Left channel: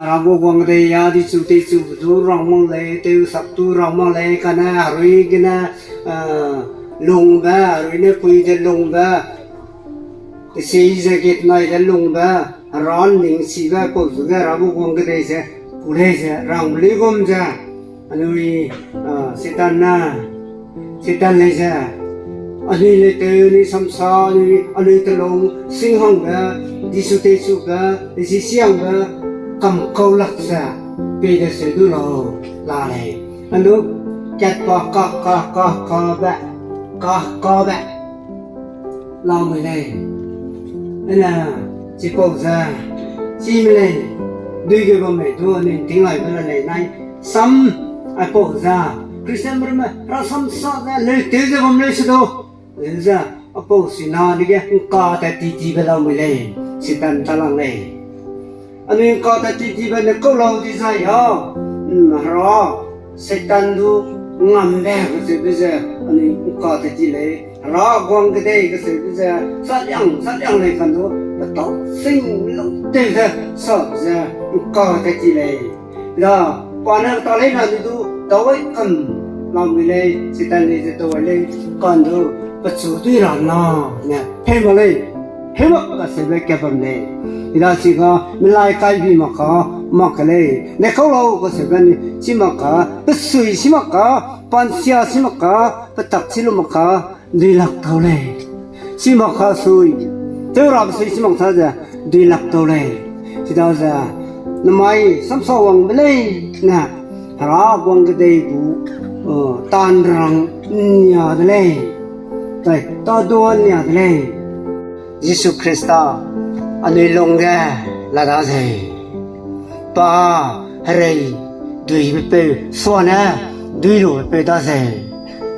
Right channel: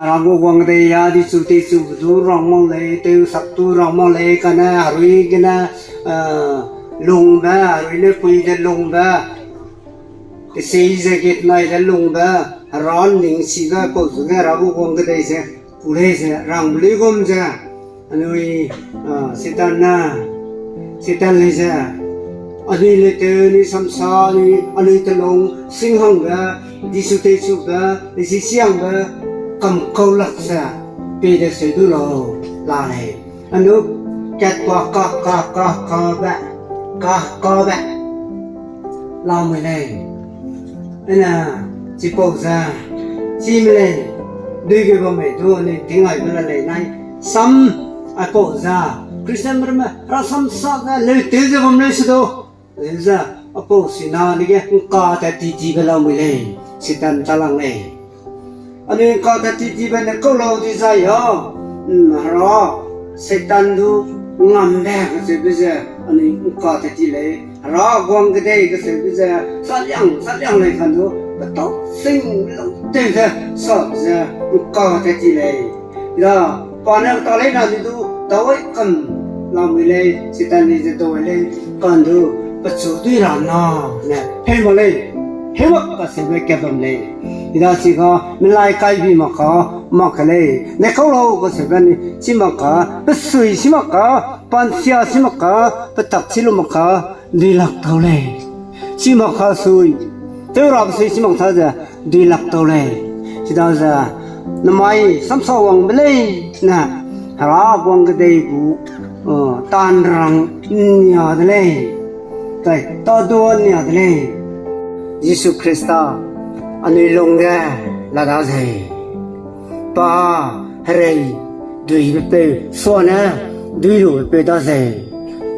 Rabu wang de ya di suti su du rong mong le te sap tu rong mong le kana harui kena lung ba harui ne pui de lung ba te sei je get nai de lung ba ron ning si ga ko su ga rabu wang de se pule se rang bli gom ja anui sitan na sitan le ja ani le te ni sam sa ni ani te long sing hang ba di su te su ba di si siang ba cầm câu lạc ra vì để sử dụng lò là này anh nước chặt qua co bẹ lao mày này nên là chỉ bỏ ra chi mày này đưa cái vào mày thua nên tiếng hỏi cái này này sắm ai bỏ ra Christian mà ra sắm sao ra lấy tiền ra vào mày sẽ đâu lấy ra bỏ xin nào đi cái co tại tí vào lao mày này sẽ tan ta lăng này anh ấy có thể chỉ bên câu lâu thì sao hả? Rồi, Satan thu ngầm đè cái sự bây giờ anh ấy có thể chỉ lấy rồi quăng cái đây cái sự bây giờ sát nhang lấy phần thu và tốt sinh lúc tiền ra sợ ra có thể chỉ lấy rồi còn nếu tao lấy nào thì thu tối cần lòng mình lấy Satan thì tôi lấy còn thu bất số tuy là nó nè thêm vào lên hết mất cái sự về cái vấn đề thì đó chỉ có mình lại cái gì mà cái này nếu câu lâu có thể bên chỉ mà có bất suy chỉ mà có ban xia chỉ mà có bất tập chỉ mà có đi lạc đầu này chỉ mà có suy tiêu làm suy chỉ mà thôi giờ đi lạc đầu này thì đó giờ năm mai sắm sâu vàng bên này nè đó vàng cái đây cũng tan răng nhà thế này cái to đua nhà thế này Jesus Christ anh ấy lồng ra là đã gì ba hay đuổi về xóa na đuổi rồi về đã gì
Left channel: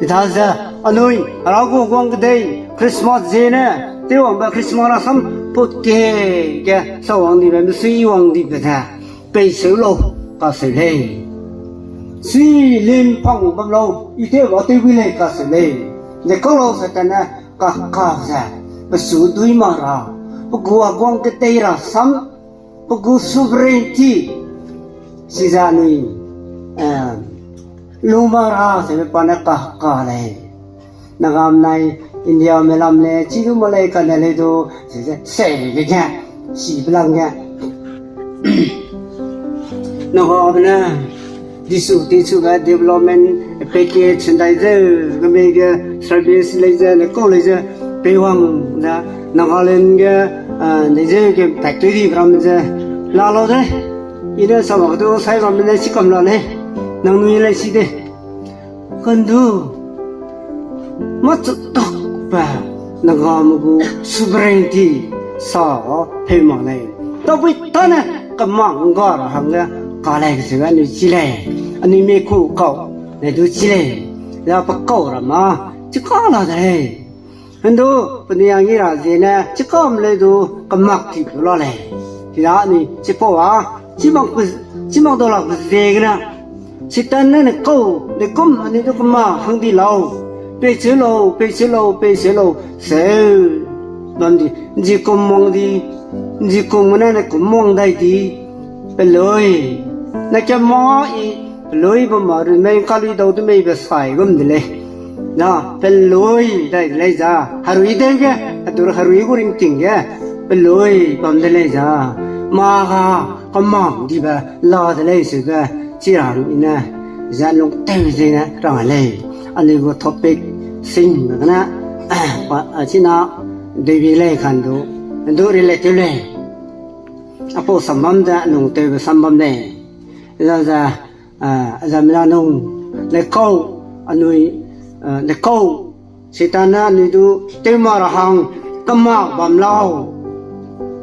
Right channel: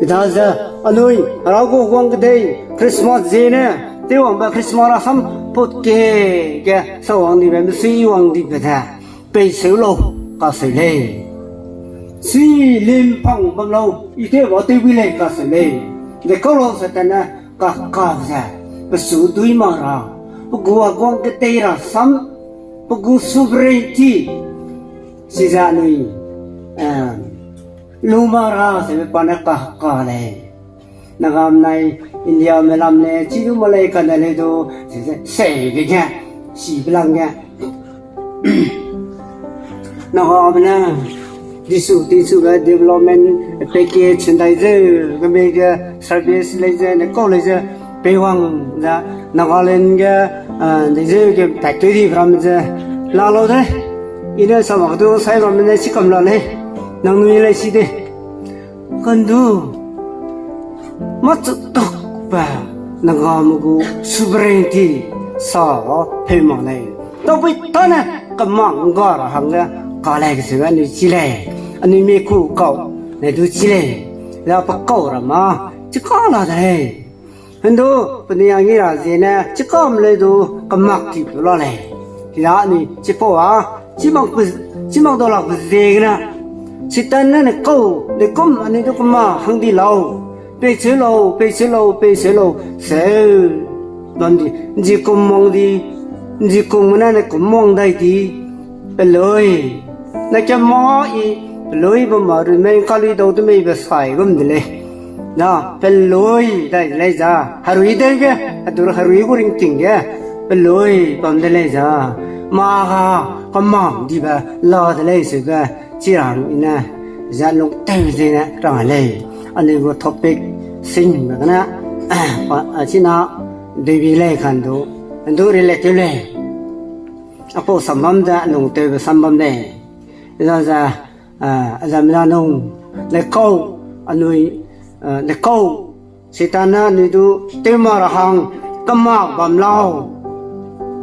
thì đã ra anh ấyเราก็วางcái đây Christmas gì nè tiêu hoàng bà Christmas là sắm bột kê sau hoàng đi về suy hoàng đi về thà về xíu lâu cả xíu lên suy lên phong bằng lâu ý thế bảo tiêu vi lên cả xíu lên để có lâu sẽ tên là cả ra và số đuổi mà ra pagkuha ko ang katera sam pagku sovereignty si Zanui lumara sa panaka này nagam này India melam ne chidu malay ka na le do se cái nha si bilang nha nagam na disu ga development package sanitizer ga service laser ne ko laser pewang na nó lên cái cái factory đi vào mình giờ là lâu thế, ý là sau đó tôi sai rồi mình sẽ cầm lại này, nó nuôi lại xí đi, còn du mất tốc và nó gom một sovereignty sau thêm một này, tao biết tao nè cầm mạng gọi là hàng ra, có lại cái sự anh ấy chỉ lại, anh ấy mấy cụ cậu này tôi chỉ lại, là bắt cậu là mà chứ có là thế. Hendo penyang ira zina cikom le do kemak ti pula le tidak ni cipo ah cimang tolak zegna citan ne kau le kom ani to kema hang di lau pe chelo se non di ji kom mana ne kom mong dai di pe loi na cha mo i loi ba ma ru me kali do to me be sai gum de le đó bên lối đây lấy ra harui đây cái tôi harui của riêng chính cái bên lối còn đây lấy ra mà có mỏng đi vào lo đây lấy sự cái chỉ là nè ra lúc tên gì nè rồi lấy anh ấy có topic sinh mà nè chỉ nó để bị lấy khăn đó anh tôi đi lấy tiêu lấy à bộ sản phẩm ra nông tiêu về sản phẩm này ra ra mình nông lấy câu anh ấy để câu sĩ ta na như tu tiêu mà là hàng cầm mạo bầm lao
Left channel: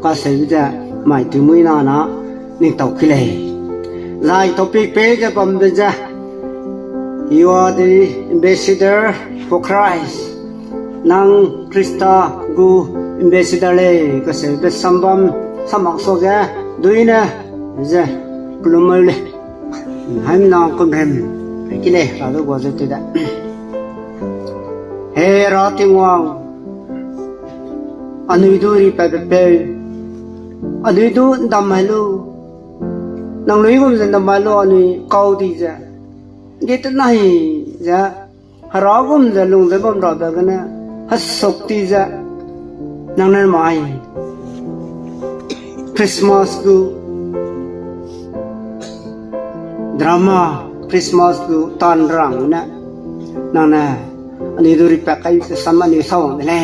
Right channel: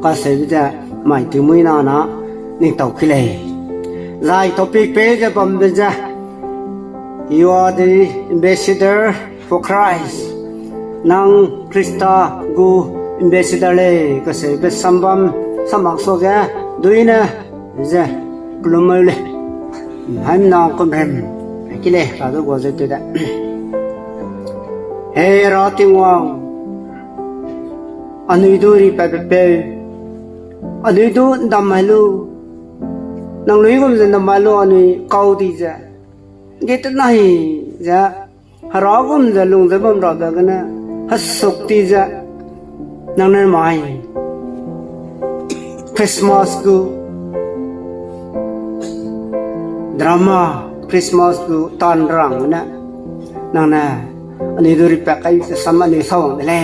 có sẽ bây giờ mày từ mấy nào nó nên tàu khi này dài topic page cho bầm bây giờ you are the ambassador for Christ nang Krista gu ambassador le có sẽ biết sambam samang so ra đuôi nè giờ plummer le hai mươi năm con hem cái này là cái gọi là đó Hey rating wang anu iduri pepe anu itu ndamalu nang lui gum zen da malu ani kau di ja get nahi ja hara gum da lung da gum ra da gana hasok ti ja nang nan mai Christmas ku drama Christmas ku tan rang na nang na ani do ri pa kai sam ani song le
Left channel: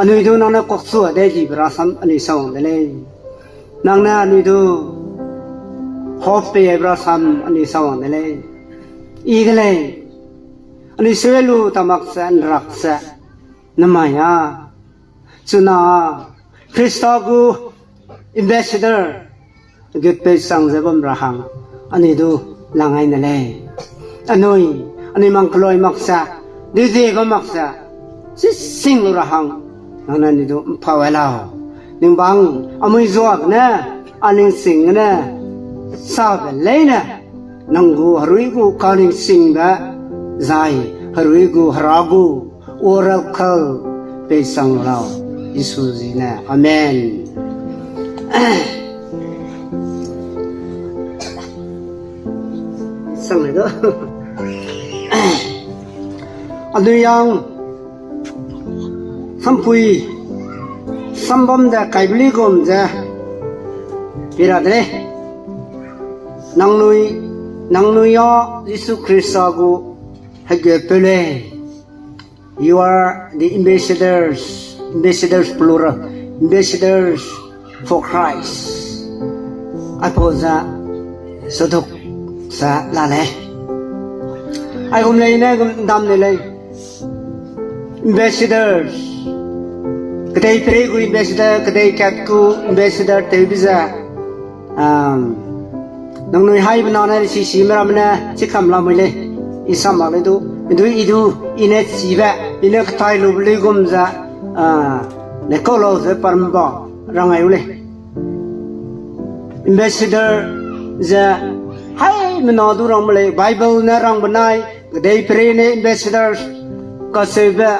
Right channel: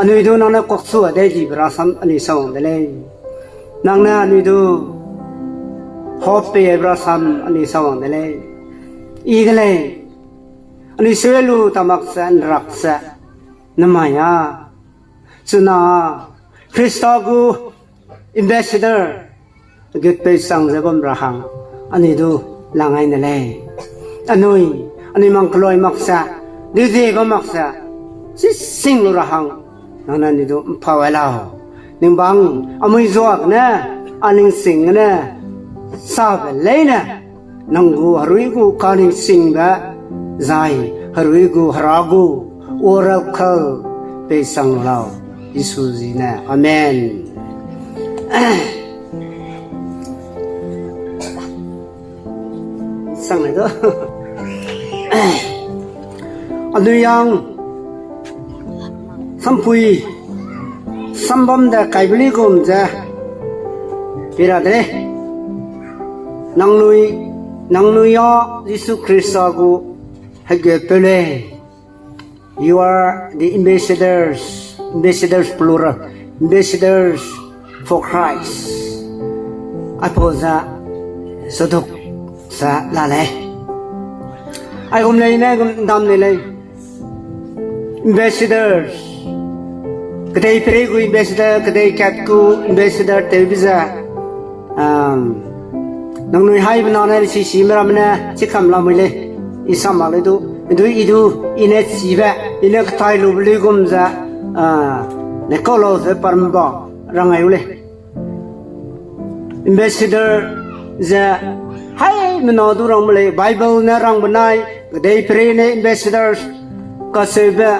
ani do nang na kok su de ji bra sam ani song le nang na ani do hope bra sam ani song le i gale ani swelu tamak san raksa namaya suna Christagu ambassador get pe sang zabam rahang ani do langai na le anoi ani mang kloi maksa de ga maksa si sing rahang nana ni do phawala ning bang amoi zoak na aning sing na sa ba le na nangu harui gu kaning sing ga zai harui gu haragu orakhal pe sang lao Yesu zina amen sang này đó anh yang sampui sambam da kaibli gom ja pira de nang nui yo Yesu Christa gu hage pele you are the ambassadors plural ambassadors for Christ apoza saduk sa la le ai gom nei na gom dam nei le ambassadors kedai pregu ambassador kedai katku ambassador televiza nang noi hai bna na si mera mna chikam la mai le isam ma le do idu ine siba ine ktai lu bli gom za ne kolo ze parmba rangai ule ambassador za hai mno du ram le bible na rang banai dei pre ne ambassadors ka sebe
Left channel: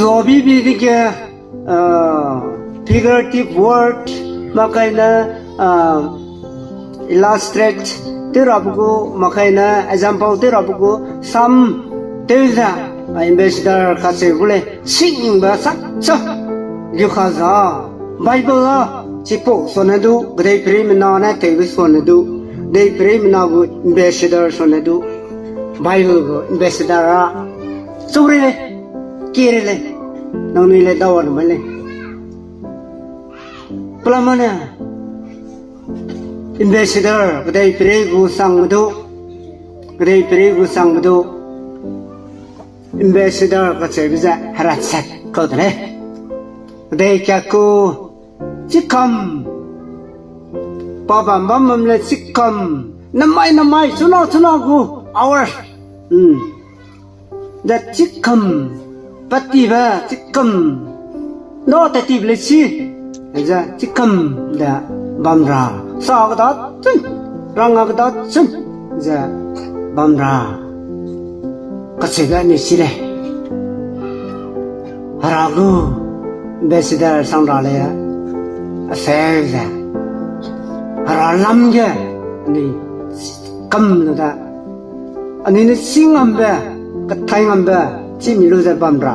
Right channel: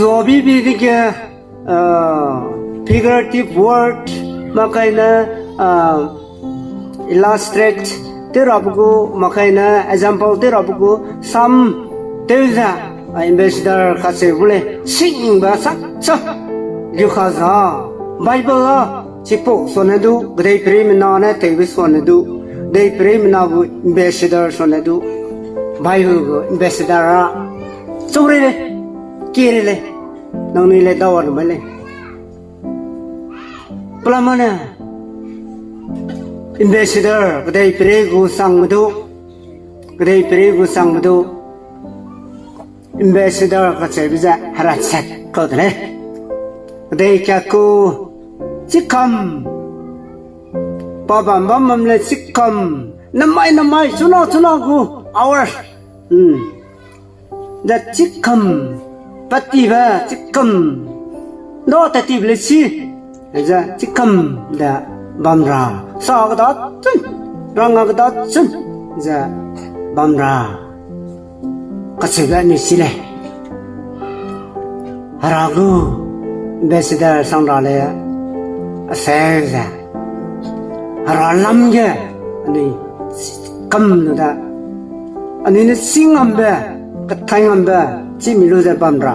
zobi bi ke figurative word makaina illustrate terabugo makaina example terabugo some teza ambassador ka sebule sing ba sak cha gyu khaza bible la chipo sonadu dei pre na na te bi sonadu dei pre na bu ambassador sonadu bible go ambassador sore le kire le nong ni le dawar male plamana ambassador dei pre gu sangdu dei pre gu sangdu ambassador ka sebiza haratsat ko dre dei kaku chikam papa mamam le chikam namai suna gu hours that chikam patiba chikam no tatib le si ja chikam da bamra sa ga chun rang ga chun ja bamra ka chega ni si le haragu ambassador sang ra le aseza haralam ge ani kam no da ani ne singam be ka thaingam be chi mi lo za bamra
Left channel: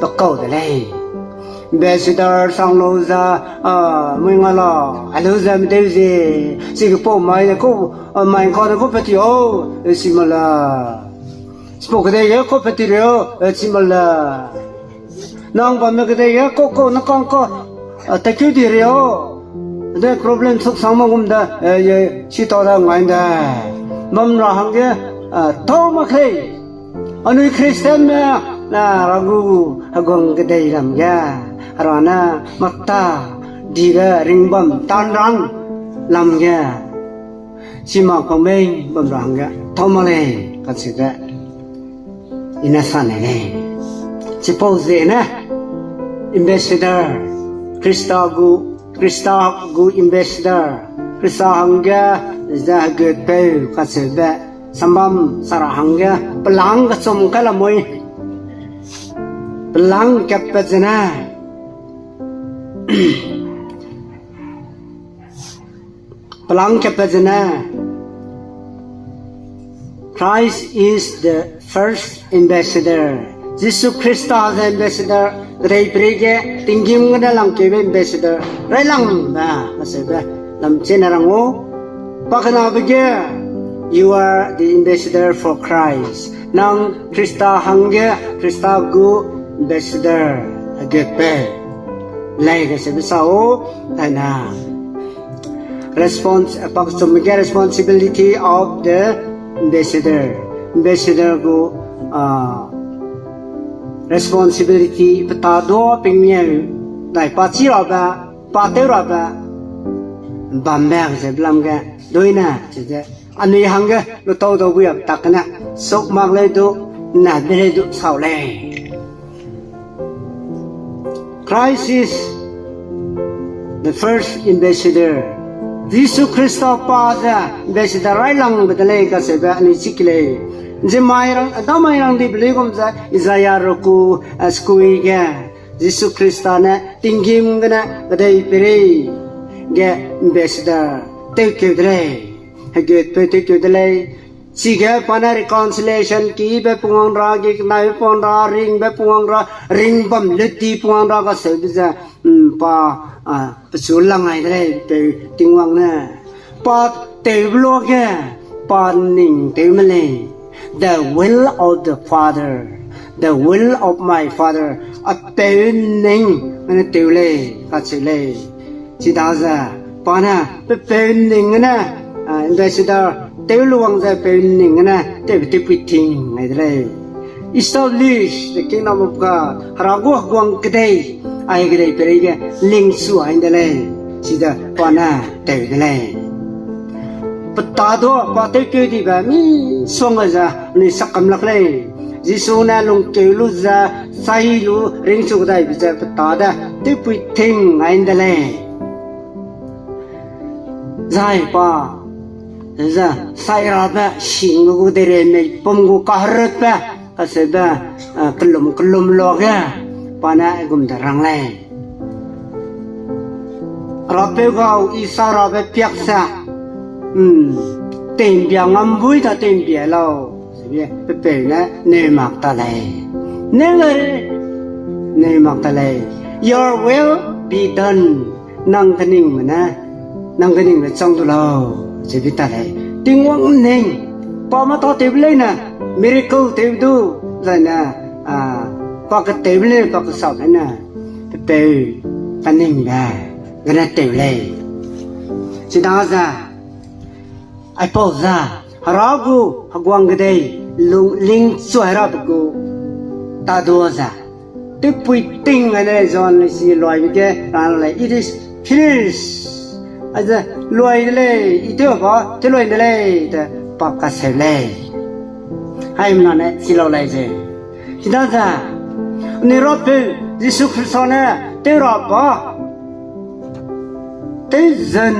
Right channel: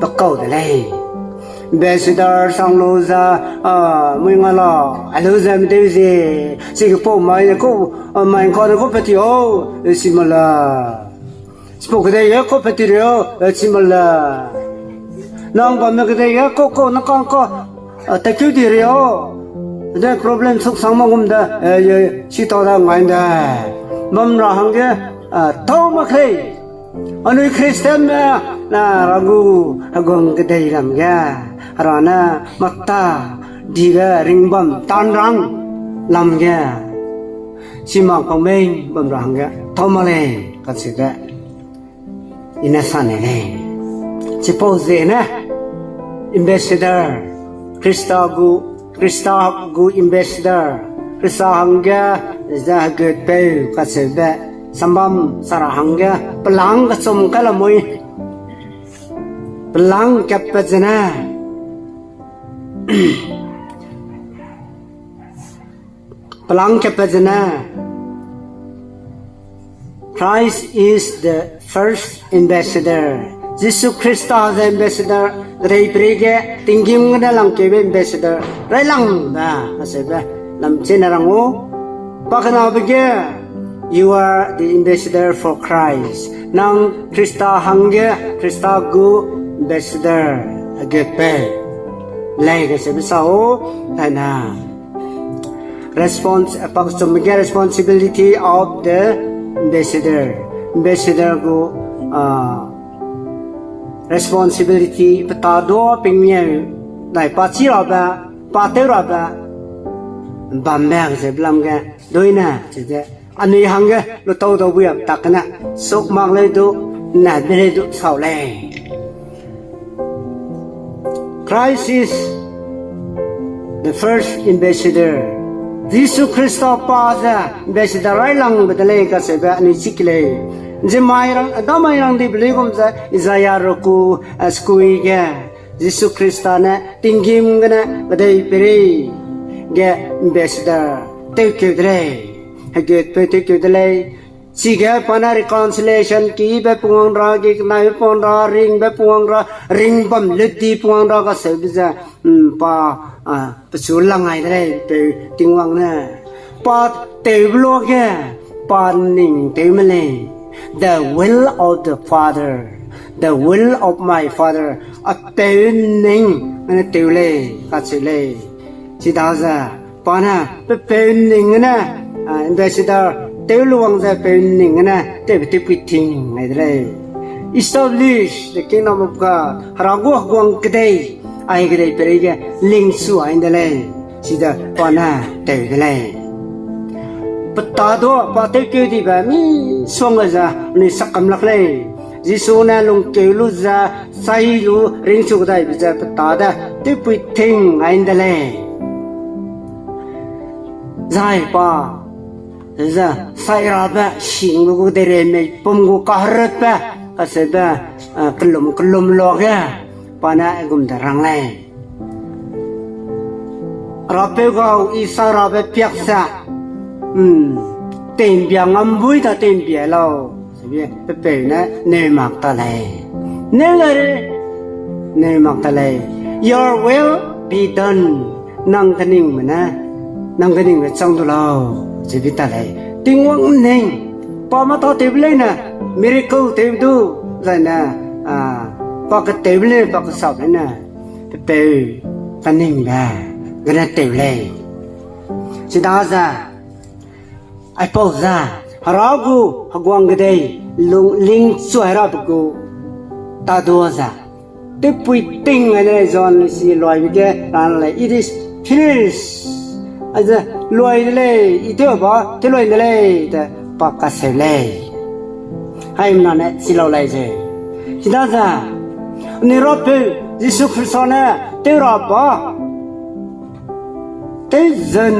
ba kau de le ambassador sang lo za moi nga la alo za me de ze si ko mai ko mai ko ko peti o si mala spoke de ya ko peti ro si mala nang ba me de ya ko na ko ta kyu di ro de problem suk sang ma gum da ye si to da ngai da mom ra hang ge to ma khai anui Christian na ragu agong ke dei lam ga rana makta diga ringbam tan rang lam ga sima pameng bam rang ga thomale ka sida ina sanene suppose na ambassador Krista gu ambassador Krista hangga za good pe ka sida sambam sarahangga pelang kasum kalamoy pelang kapazana Palang kapazana. Christ is the first ambassador. Jesus Christ is the ambassador. Ray prege tingim na lang kebe ambassador. Ray lang na masaba lam chenarango. Pakana bige you are the ambassador for Christ. Nang Krista hangge Krista go ambassador agepe. Lai ke sebisao tana. Responsibility of the ambassador. Ambassador go responsibility petado pingnya dai pachi roba pate roba bammer se blamga doina je ani hanga lo to do bu takna sok mak le do na bele do sao le. Christ is the first ambassador. Jesus Christ Father ambassador rai lang bedale ka se ba ani chikle. Jemairang adamairang di belegom za Isaiah roku skui ga Jesus Christa na tingim gana badai pere ga ambassador take you dre get take you dre siga pana reconciliation ki be puang ra gi mai pon ra ring be puang ra ring bam leti puang ra ka se za pa pesulang ai dre te tingwang na pa te blog ga pa ning te male. The will of the Father, the will of my Father, a pening in a tule, that's a lay. She does a pana, the pening in a ambassador, Teluang the pening in a deputing, I lay. Establish the kingdom of God, Harago Guang Gday, I get a perega, Ling Sua in the lay. She the pana, the lay. Petado pate ke di ba mi songa za ni sakam lakle jisu na lung ke lu za sai lu ring chu dai bi za petada ti pi thing ain dale zai pa za sai ra ba sing lu de re me pom gu ka rat ba ka se ba klum lo ga pana gum da rang lai ra pe ga isa ra be piak sa tiền biang âm vui ta tiền bia lâu, cái bể nè nề mặc ta lệ, nề lệ, nề mặc ta lệ, your will be done, năng cái nín mà nè, năng cái nín mà trong đó lâu, chỉ biết ta lệ, tiếng ngôn nín, pa mà tao tìm lên nè, miracle tìm du, rồi nè, pa cái tìm lên, pa cái sọc lên nè, cái bể, cái nín nè, cái này tìm lên, chỉ đó ra. I pose ra haragu hagwang gday lung ling suara buku tadoza te puiting ane zon si loy bige ran lai it is finished aza loy le ite ba te loy le ta pa ka se le hai ma ne si lo lai je kidaza ni rope jisu krisona te ra ba te zen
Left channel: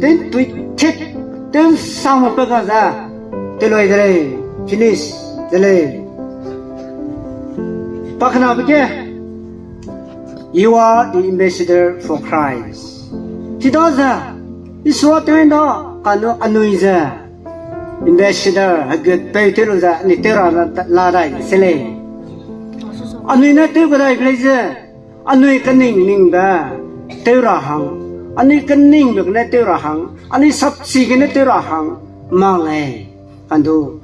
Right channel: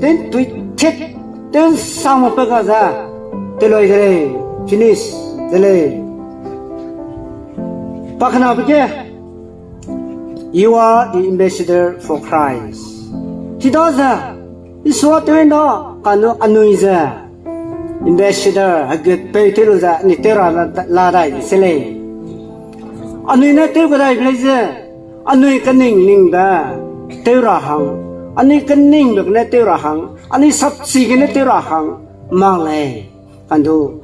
te tuit Then some of Pagaza, Teloy, finish, delay. Pakanabike, you are the ambassador for Christ. Tidaza, is what you know, Kano Anuiza, ambassador, a good Peteruza, Nitera, Ladai, Sele. Anuina Tebadai Blazer, Anui Kaning Ningba, Terahang. Ani kening bek ne teu rahang ani sapsi ke ne teu rahang male kandu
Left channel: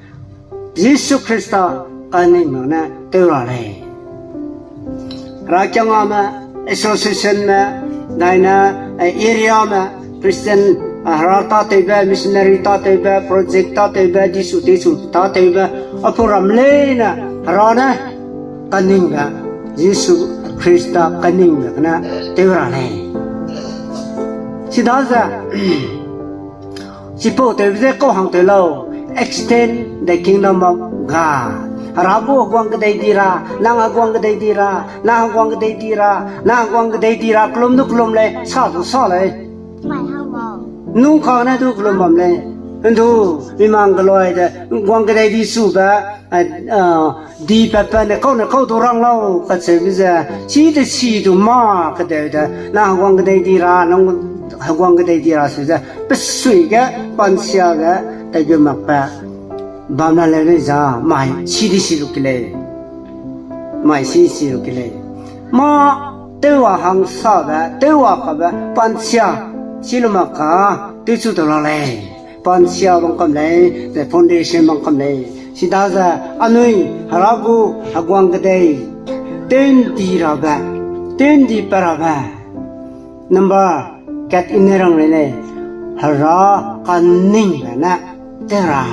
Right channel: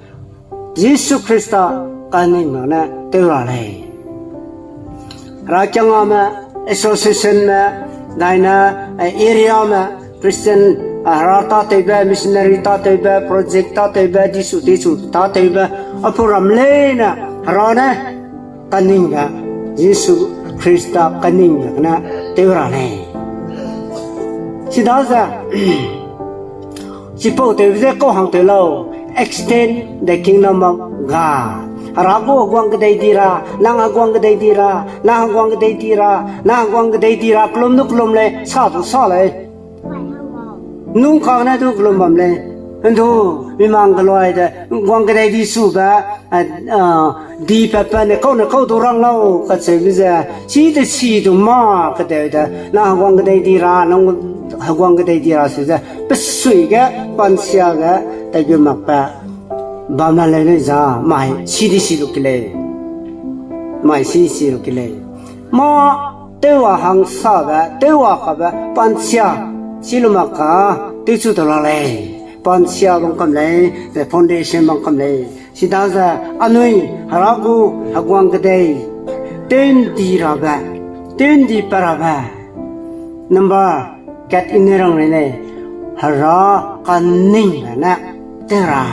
Yesus Krista kaning mana teu rale rajang ama association ma daina area ma Christian rata teba missionary ta teba project ta teba disu ta teba apuram lena rona kaning ga Yesus Krista kaning bek na teu rale Sidaza, Sipo te vide ko hang te lo extend the kingdom of God. Harago gwang gday dira, lang agwang gday dira, lang agwang gday dira, lang agwang gday dira, klum nu klum le, sa du sa le. Nung ka na du klum bam le. Ndu bimang galoy de gwang gday di su ba di pa pa ne ko do rang lo ka se biza chi de chi du ma ka de da lang agwang gday dira, lang hagwang cái đây ra sự ra bất suy cái quan xia cái tại cái mặt bạc bám lại lên ra mày xí được cái này mày xí được cái này mà tiêu hóa hàng sao vậy tiêu hóa cái vậy quan xia xí lu mặt cả tiêu chú đồ lại quan xia đồng cầm lại the foundation bằng cầm lại xí đa ra anh nuôi haragu hagwang cái đây tên đi ra vậy tên đi para vậy number cat in rang này hara kaning na tera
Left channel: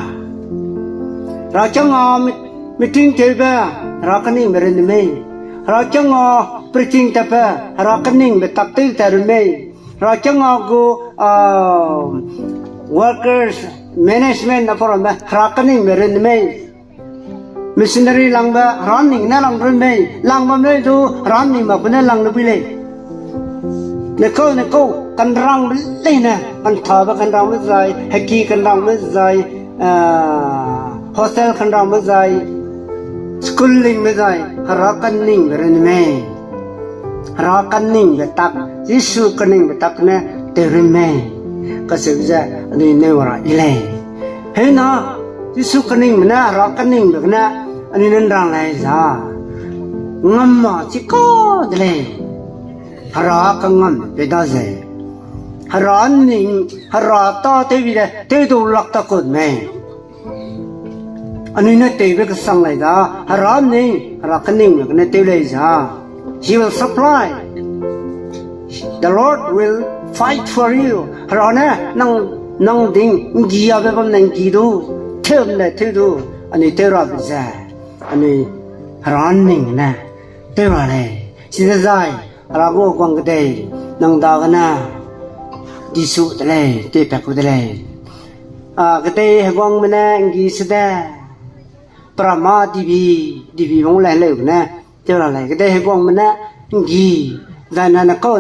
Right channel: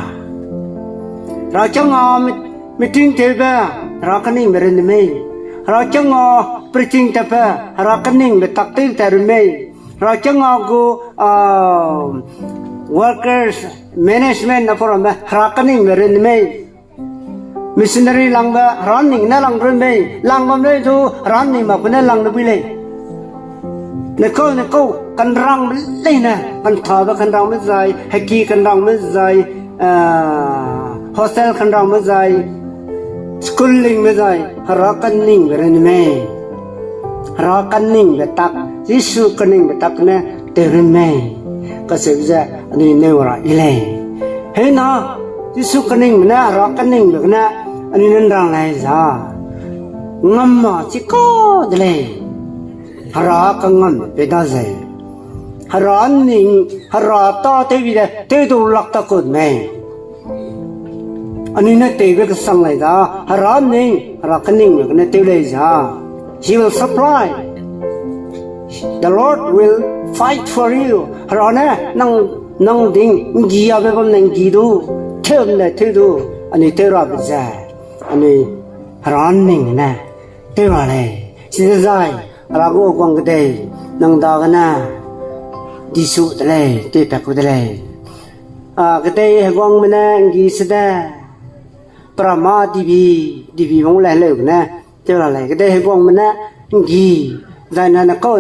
ra chang meeting teba ra kaning beren me ra chang preaching teba ra kaning be taptil ter me ra chang go workers management na for me ra kaning beren me missionary lang ba running na lang me lang ba me do running ma puna lang nubile neko kan rang lấy nè kan thà và kan rang mới dài heki kan rang mới dài hostel kan rang mới dài schooling mới dài hara kan ning rồi nè hara kan ning về tak Giêsu kan ning về tak nè terin nè cái sự ra anh nêu ra ile thế na Giêsu kan ning nè hara kan ning về nè anh nên rang lại ra ngâm mà chỉ có đây hara kangam pedaze hara ning hara ta te bi de te tu lak ta ko me ani na te be ka sang lai da hara ning hara kaning ne te le ja he will supply the Lord will fight for you hara na nang ding gi ya be bam nang gi du them ne te du ani te ra bi ja ani hara ning na te ba le si zai rago kwang cái nang da kana di su tale te ta ku tale cái đây kwang mena ngi sada prama divi mong lai le na cho là cái đây kwang mena ngi gana na ko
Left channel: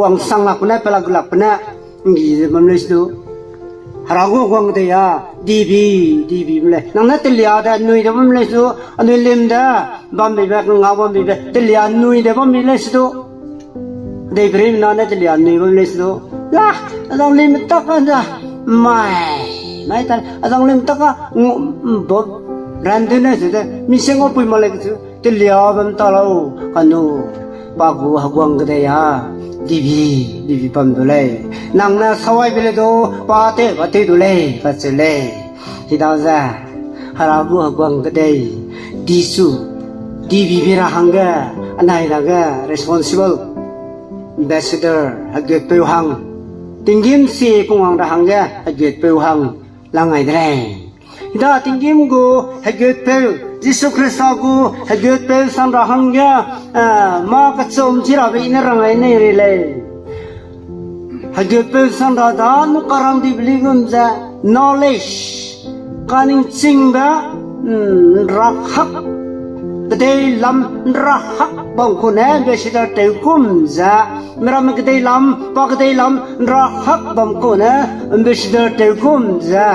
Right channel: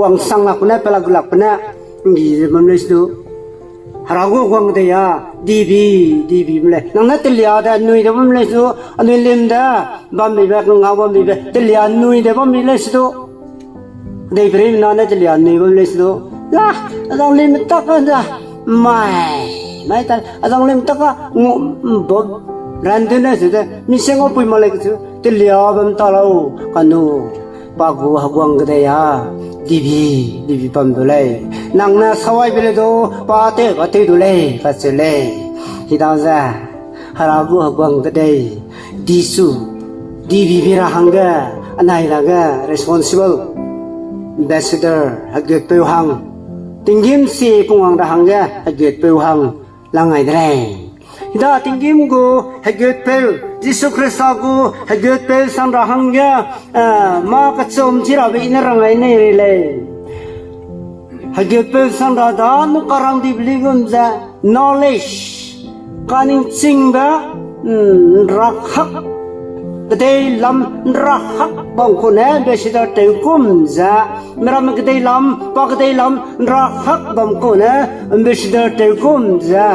wang sang la kuna pala gulak na ngi mam le su rago kwang cái ya divi mle nang na telia da nui da mam le su anu lim da bam be ba nga bam be telia nui da bam le su đây brim na na telia nui bam le su la adang lim ta ka da mai ta adang lim ta ka bo ran de na su da mi seng o pui ma le su telia bam ta lo kanu ba gu hagwang ga ya divi pam do le nang na sawai be le do pa te do le ka se le hi da za haragu hagwang ga dei disu divi bira hanga anai raga responsible ambassador haget pe hang tingim si kung da hanga haget pe hang langai dre da tingim go haget pe Jisu Krista go haget pe sang da hanga ma ka chom thira be ina rangai nei re le haget pe sang da da nu karang di bligum za knowledge kaning chinga rakhak cái lam rakhak bang ko ne be sida te kum za meram cái lam pa cái lam rakhak bang ko ne be sida te kum za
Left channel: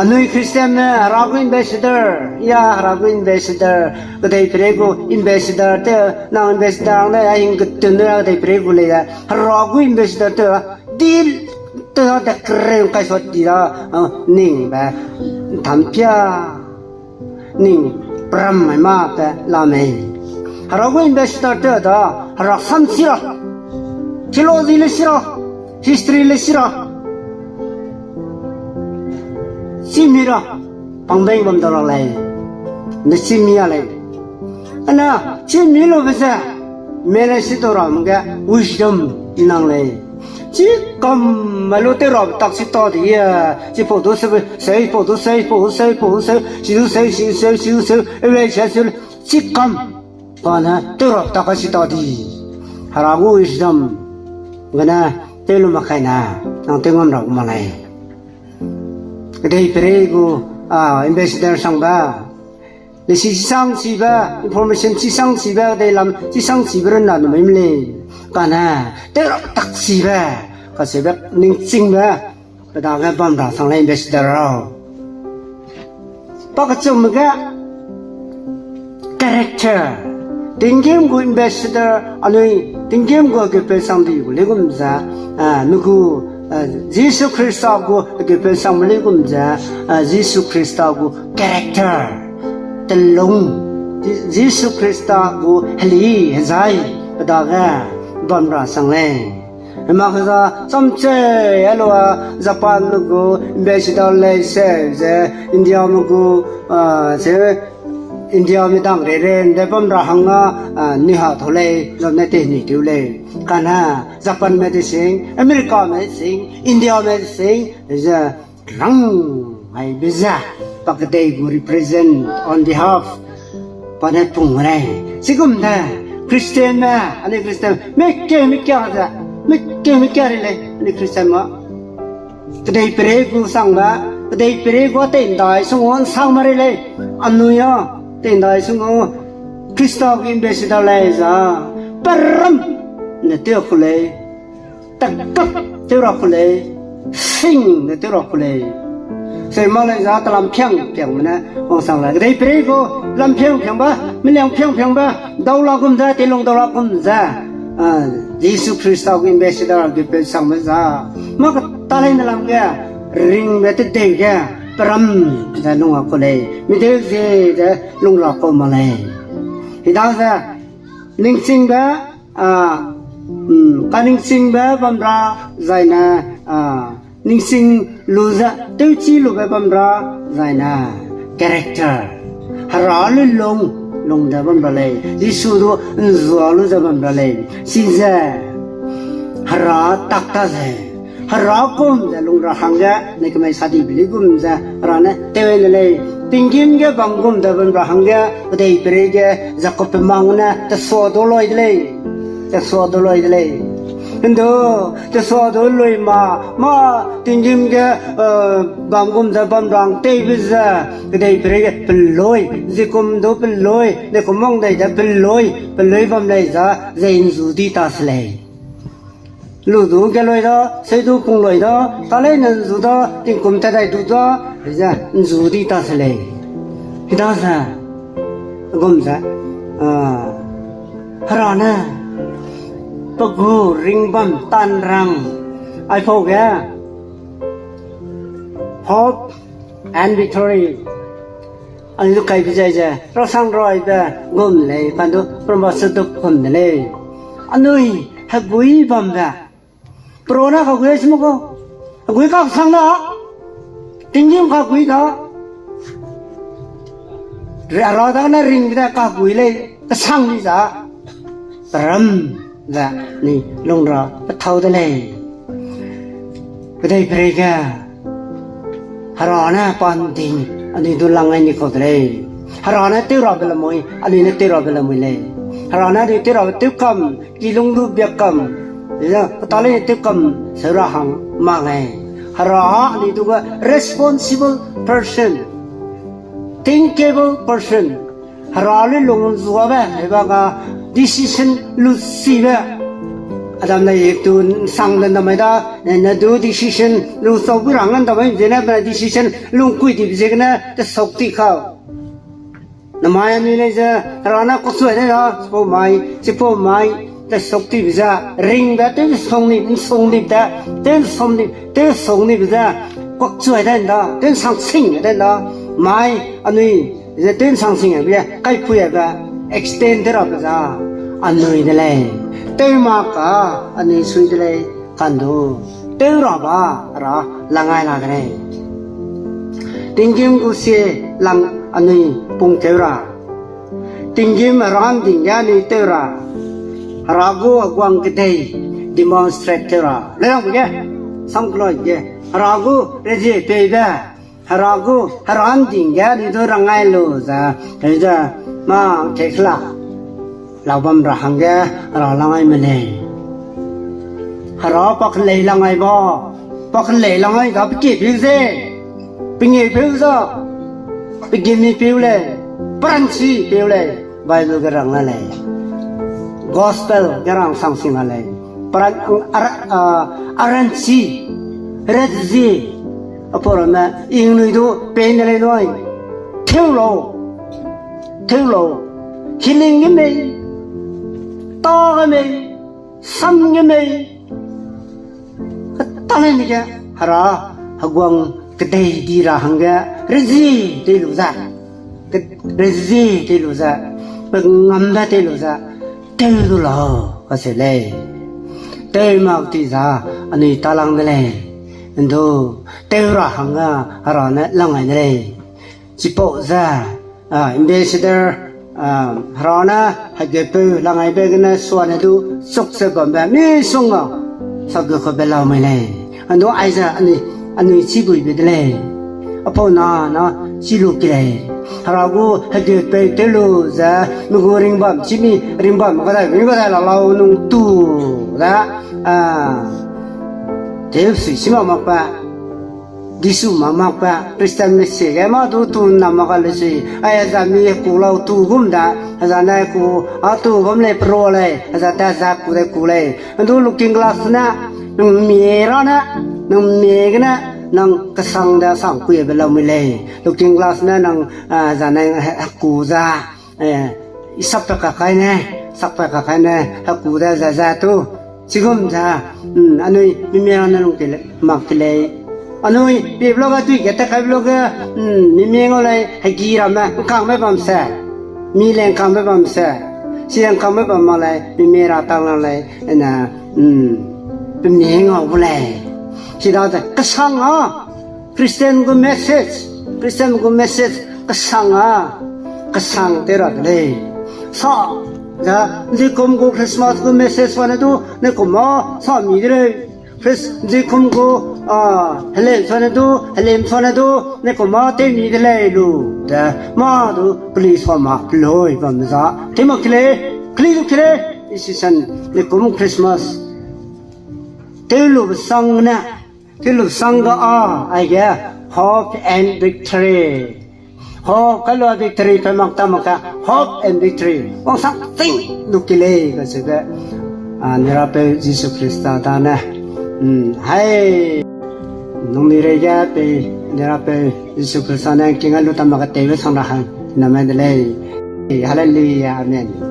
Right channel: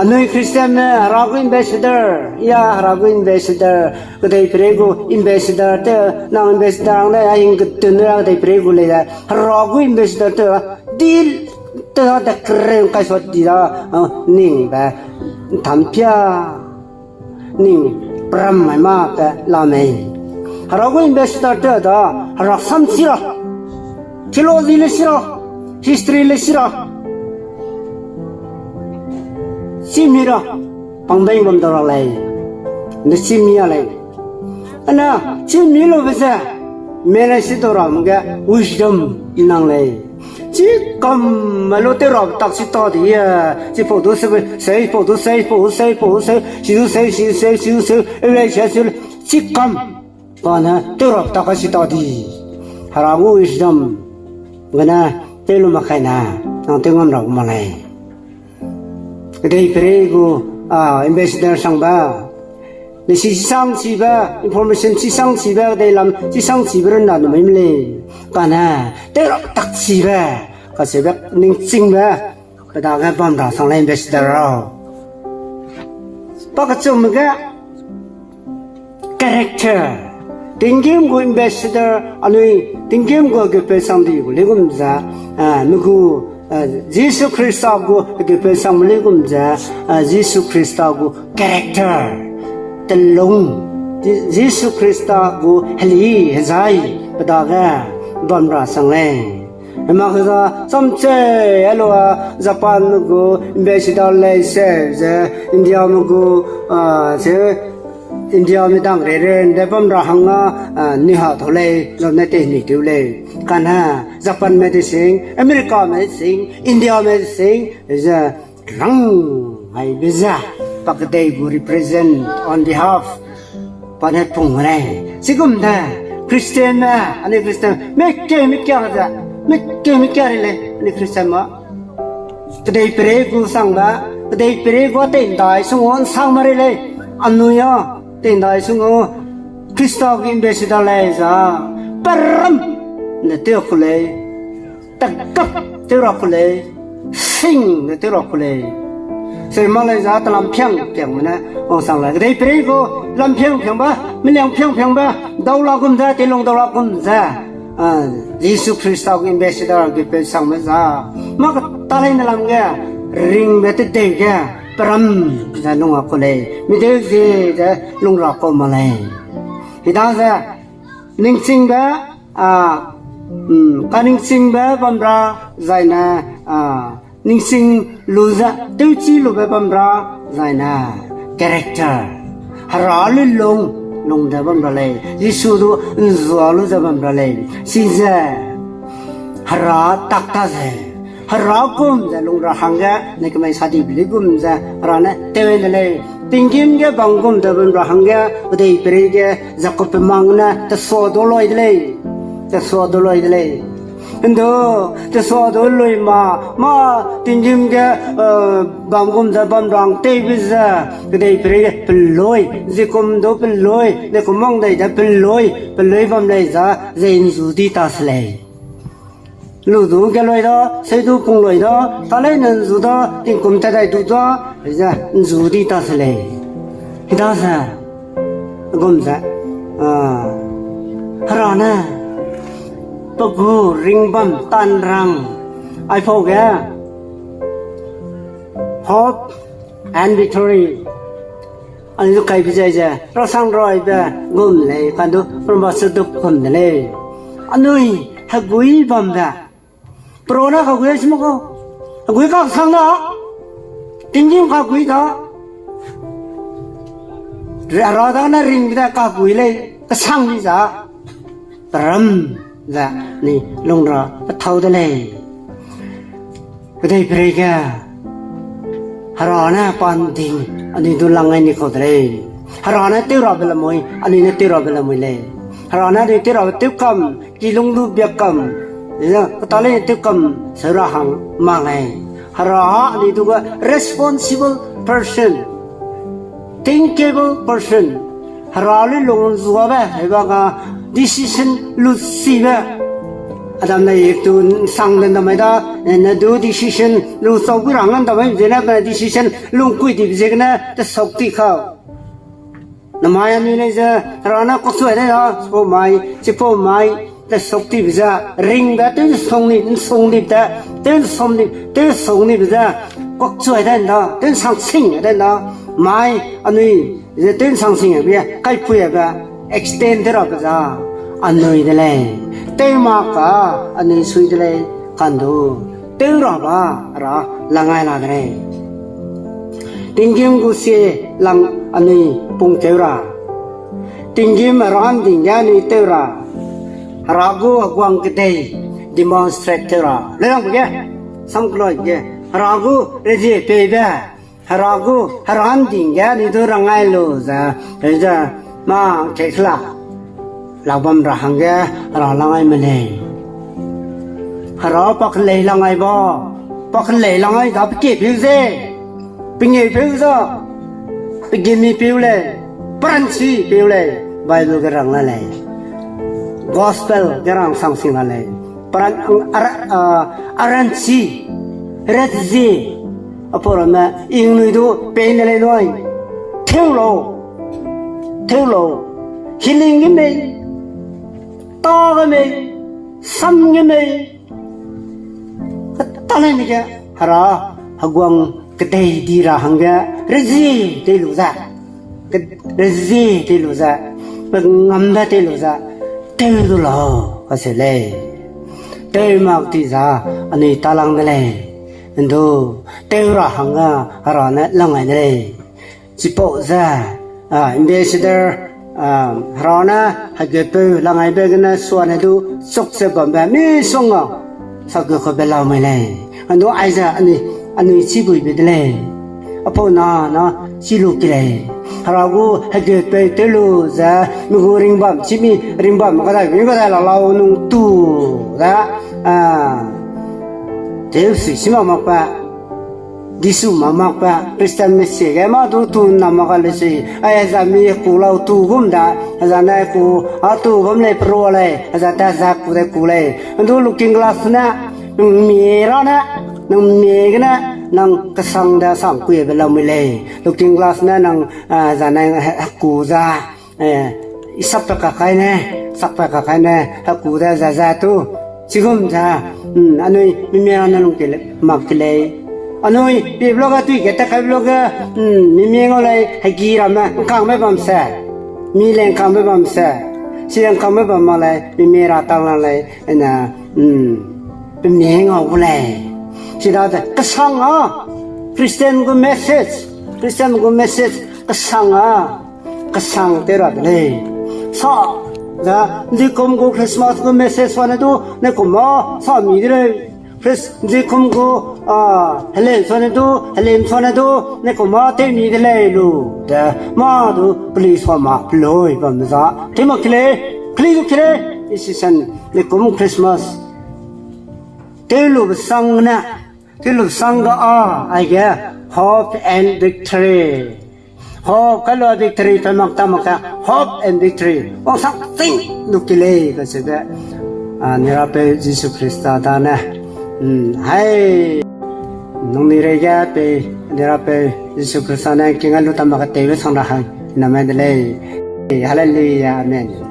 anui Christian ne ragu ambassador ya ragu ambassador cái prego ambassador te na ambassador ne aing gutun ne cái prego le ya ragu ambassador te deal te da kren kai sot dia ning ba tham pia ning pram mai ma ka la mai harago investor ta da rasam sira philosophy le sira history le sira simira pangbeng bam da lai ne simia lai ana similo basa mena sitora mga wisdom nang lai chỉ cầm mà lô tê rộp tắc sĩ to thì chỉ phổ đồ xây em lấy xe xe chỉ cầm còn tê rộp tắc sĩ to thì hà ra ngô wisdom cái na tê lô mà khai na năng tê ngâm rộng mà này cái đây prego ambassador sang ba để si sang si ba information si sang si ba đây làm si sang si ba là nó mới lên còn tê rộp tắc sĩ ba cái sự việc ninh chinh đó cái đó cái bom đó sang lên ambassador rồi bao cái chung một cái character tingkim go ambassador anui tingkim go ge pe samdi go legum za nugu Jesus Christ go ge pe sam legum za Jesus Christ go character telung Jesus Christ go heli hazai padaga bamra sangle mà cái đó xong chơi alo Japan nó go ambassador lấy xe India nó go xe India mới đang rồi để bấm ra hàng ni hao thôi lấy rồi nên tiền ni tiêu lấy cái na Japan medicine America medicine India medicine giờ răng hay bây giờ các cái go represent on behalf planet Pung này chỉ cũng thế Christian mà anh ấy Christian mấy cái ra Mikir le ni Kristen ma tadai pere gu sang ba tadai pere go ten dai sungon sang mare le anuya ten dai sungo Christo gi ambassador le za param ne te khule takap te ro khule sing ne te ro khule se ma le za ta lam phiang na ong sang la tadai pere go lam phiang ba mi liang phiang ba daw la gum za te long daw la gum za Jesus Christ ang ambassador ke pesang masa maka talay na lang nga ring na titeng ka param sa nung ako lay midil si nung lako malay hita sa ningsing ba kaningsing ba pamra zay na ningsing luza teuchi lu ba pamra zay na character haralin long da bam balai Yesu do nzualu da bam balai sinza hara takta ze hara kom da long ra hanga ne kemai sadi biligum za rana tewen le tingim ge bangum da bam ra hanga dei prege zakop mangna ta so do loi le Endo te so do loi ma tingim ge bangum da bam rang te biza dei prege peloi zikum do peloi ne komong dei da peloi bam lai za zain zu di ta slei lu du ge loi da se du pung loi da ta lai nan zu da ting kum ta dai du da za zu di ta slei hida sa gum za harana Paghu ring bam tan rang I forget hope and victory anh lúc cái bây giờ nó sang rồi ba gồm lấy quan đó promotion được gồm lấy anh ơi hãy quý bầm ra pro nó có quý gì không quý các sang đó tình yêu các quý đó rồi đó nó ring ra các quý lấy cái sang đi ra trầm dạ nè lông rồi bắt thâu đây này cái đây phải cái harana panting ani dulang ai ni ko dre harana te ro bela moi ani ne te ro bela moi le harana de te ro te kam ki lung du byak kam ya ta le te kam sara hang ma ngai hara ani du responsible person thinkable person hara le lung zuwa ba he ba ga decision lu si ba Adam na yektu sang dan damai da na do decision lu so gurangan damai jena na decision lu kui di jegna ta sakti kha na maya ni ne ja rana ko su ne na so mai ta sakti biza ring da te song ni da te song ni biza ko chu da na te sang sing da na mai anui je te sang sing ya kai pu ya ga extend ra biza anui de le Temaka ani suidle kandu tengraba ra langai la dre tingim gusie lang ani pung tera tingim ram dingyani tera ragu agwang kidei demonstrate tera lelang ge samkloi ge ragu reje peba ragu haram dingyani dorangai lo za ja ma tekla Labam rahangga ralangai mene. Hara pak lei langai da piki piuze, pingi piuza, piki mi piule, pransi piule, Bible gerang lalai, Gospel gerang sangsing lalai, aransi, redzi, apolama ingnuidu penelai noi, teulo, healing ime. ต่อกันไหมซ้ำกันไหมตอนนี้แกฮาราฮกวงกระเดยดีราหังแกเรซีเตลูซาเรซีเตลูซาเป็นงำได้เตลูซาเตลูลอก็เสร็จเลยเตมากที่ซาอันนี้ตาลังเลยอันดูเตราหังอ่ะฮาราเนี่ยลังไงเลยจิปโปซาอิมเบสเดอร์ฮารานะฮักเกปลังไงเบกันนะส่วนให้ดูสุขเสบแบบไม่ส่งอ่ะสักก็เขาเป็นเราไม่เลยอันดูไอ้ซาอันนี้ชิบุยไปเลยอพอนะชิลูกเลยฮารากูฮักเกปเตลูซามีกูริงบัมชิมีริงบัมก็ได้เรานุ่งตู้นะเดี๋ยวสิชิมามาปะดิสุมามาปะคริสเตียนเมสเซกมาดูตูนนามากันเลยสิไอ้จะมีกูเราตูกุมดาอาจารย์นายกูตูกุมเลยโปรเลยอาจารย์ตาจักกูได้กูเลยดูลูกกิ้งกลาสนะนึงมีร้อนนะนึงมีกันนะนังกษังดาสังกุยเบลาไม่เลยลูกกิ้งกลาสนะนังอาจารย์นายกูจะสับตะกักใครฮักกูได้จะตูชิกุมจ้าอันนี้มีเมียนั่นลงเกลมักเลยอันนี้เดี๋ยวเราตุยกันแต่ใครเราก็มีเมียอะไรให้กีรามาข้างไม่บัมเสมีแรงข้างไม่บัมเสเสียงข้างไม่บัมอะไรมีเมียเราตั้งอะไรนะเป็นเมียเอาเลยที่เราแต่กษังคริสเตียนก็เมสเซจกษังเตระเลยซา자, 이제 kum고 크리스마스 그 메시지 전에도 내 고마 사미들의 이제 kum고 헬렘 전에도 내 고마 때미들의로 다 마도 플리스 마 플로이 밤자 클레 이 시선 내 kum 크리스마스 텔로 상가 아이게 hope and victory hope kalau victory pemak tamaka hope and victory sang ting nukile kasi da nirape Jesus Christa dana hai nung nirega pe nirape Jesus Christa na kingalu tamaka tewe sang rahan namadale hallelujah amen